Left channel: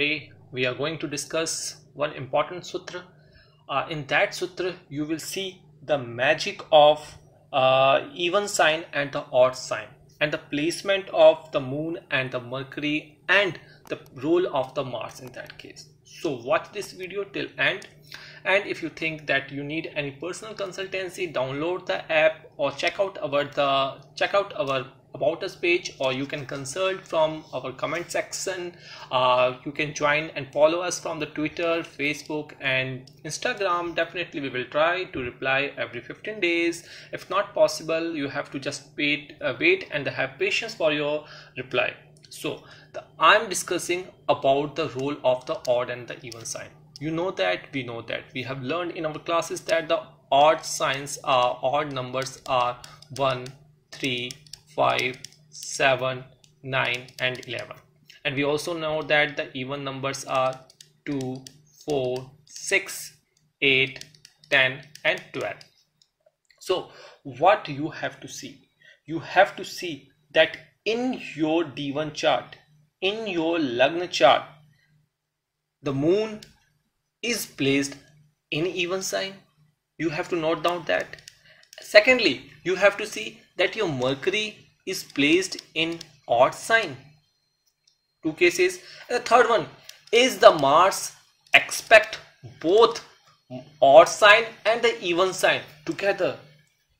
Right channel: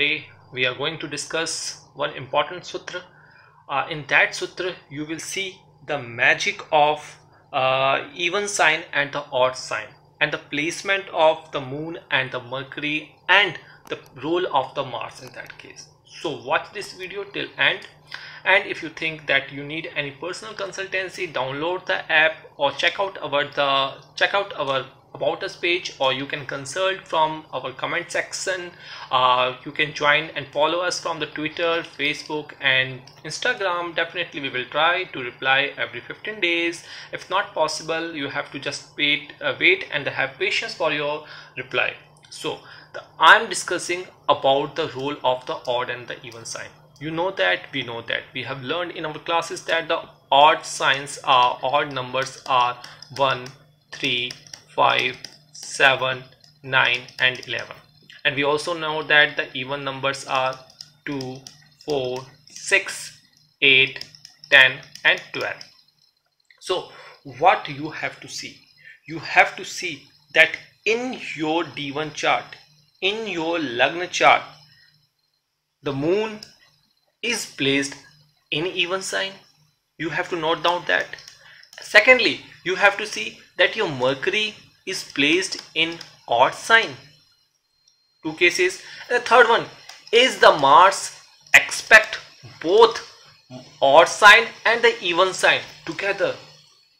Today we are going to discuss one important sutra. In that sutra, you will see the magic of even sign and the odd sign, and the placement of the moon and the Mercury, and the role of the Mars in that case. So watch this video till end. And if you think that you need any personal consultancy, download the app or check out our about us page, or you can consult from our comment section. You can join and follow us from the Twitter, Facebook and Instagram. Definitely we will try to reply every 15 days. If not possible, you have to just wait and have patience for your reply. So I'm discussing about the role of the odd and the even sign. We know that we have learned in our classes that the odd numbers are 1, 3, 5, 7, 9 and 11, and we also know that the even numbers are 2, 4, 6, 8, 10 and 12. So what you have to see? You have to see that in your D1 chart, in your Lagna chart, the moon is placed in even sign. You have to note down that. Secondly, you have to see that your Mercury is placed in odd sign. Two cases. And the third one is the Mars aspect both odd sign and the even sign together.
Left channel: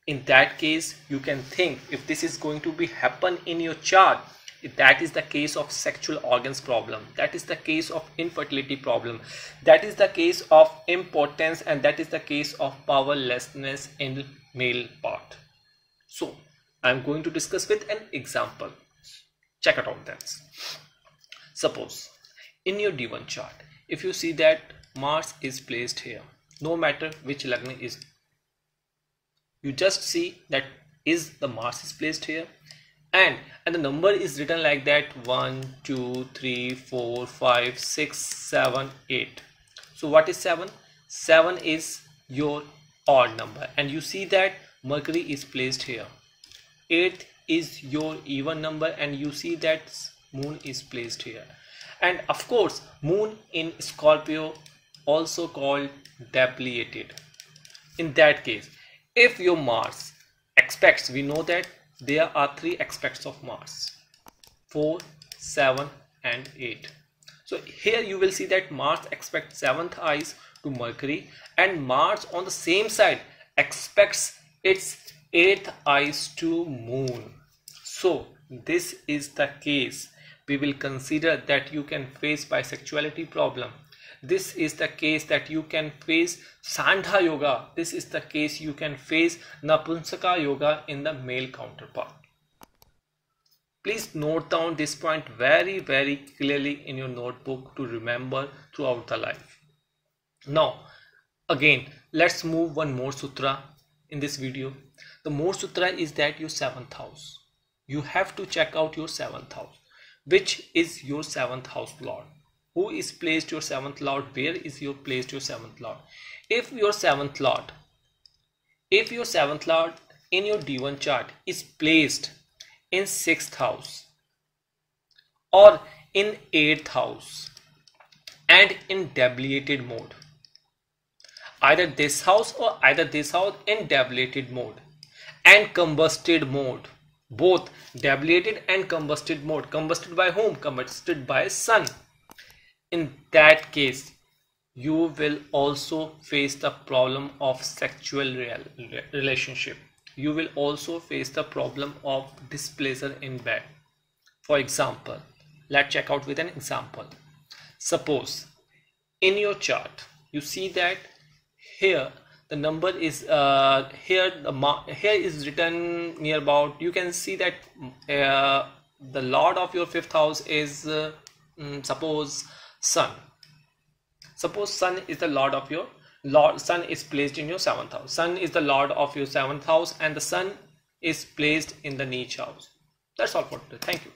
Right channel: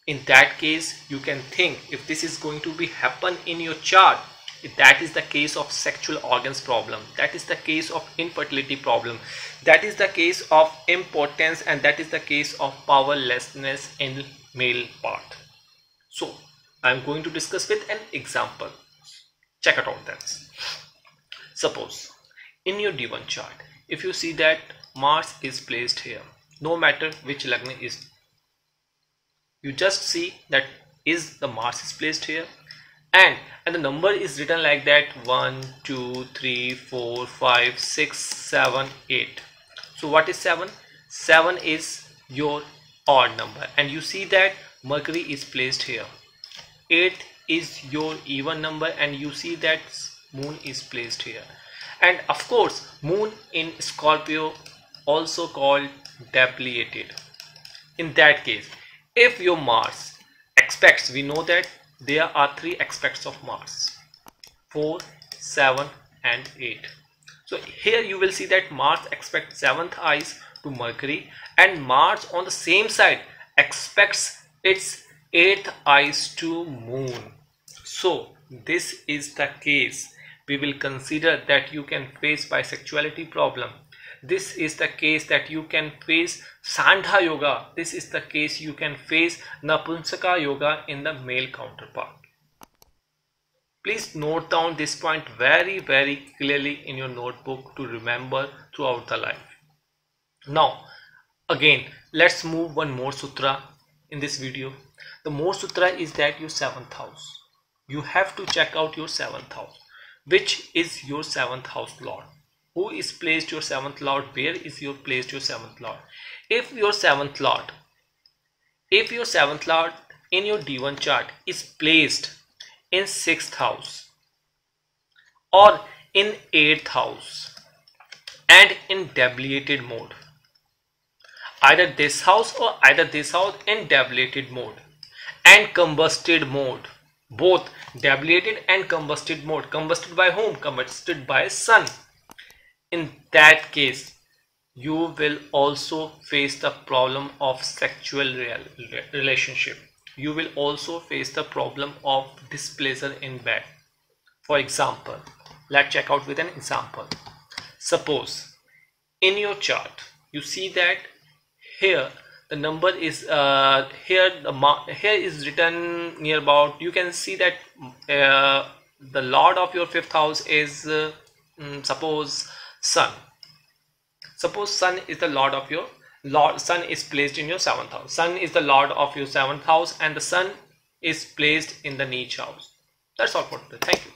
In that case, you can think if this is going to be happen in your chart, that is the case of sexual organs problem, that is the case of infertility problem, that is the case of impotence, and that is the case of powerlessness in male part. So I'm going to discuss with an example. Check it out that. Suppose in your D1 chart, if you see that Mars is placed here, no matter which Lagna is, you just see that is the Mars is placed here, and the number is written like that 1, 2, 3, 4, 5, 6, 7, 8. So what is 7? 7 is your odd number, and you see that Mercury is placed here. 8 is your even number, and you see that moon is placed here. And of course, moon in Scorpio, also called debilitated. In that case, if your Mars aspects, we know that there are 3 aspects of Mars: 4, 7 and 8. So here you will see that Mars aspects 7th eyes to Mercury, and Mars on the same side aspects its 8th eyes to Moon. So this is the case. We will consider that you can face bisexuality problem. This is the case that you can face Sandha yoga. This is the case you can face Napunsaka yoga in the male counterpart. Please note down this point very clearly in your notebook to remember throughout the life. Now again, let's move one more sutra in this video. The more sutra is that your 7th house. You have to check out your 7th house. Which is your 7th house lord? Who is placed your 7th lord? Where is your placed your 7th lord? If your 7th lord in your D1 chart is placed in 6th house or in 8th house and in debilitated mode, either this house or either this house in debilitated mode and combusted mode, both debilitated and combusted mode. Combusted by whom? Combusted by sun. In that case, you will also face the problem of sexual relationship. You will also face the problem of displeasure in bed. For example, let's check out with an example. Suppose in your chart you see that here the number is here is written near about. You can see that the lord of your 5th house is suppose sun. Suppose sun is the lord of your sun is placed in your 7th house. Sun is the lord of your 7th house, and the sun is placed in the niche house. That's all for today. Thank you.